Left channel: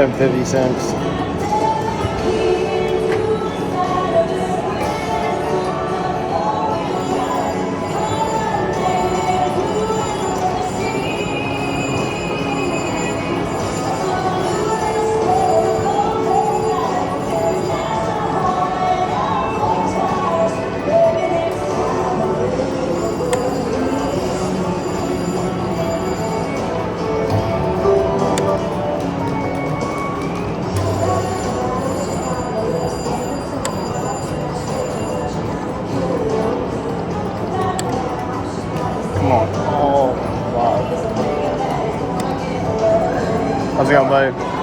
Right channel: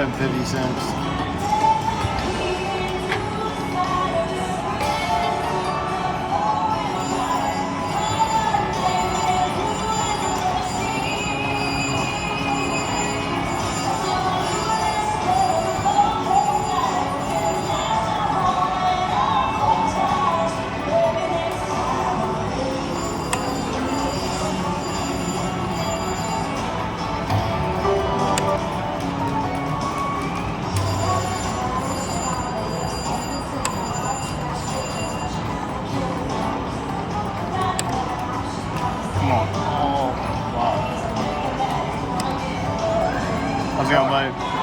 and 50 cents. Come on. Oh, wow. How's it going, babe?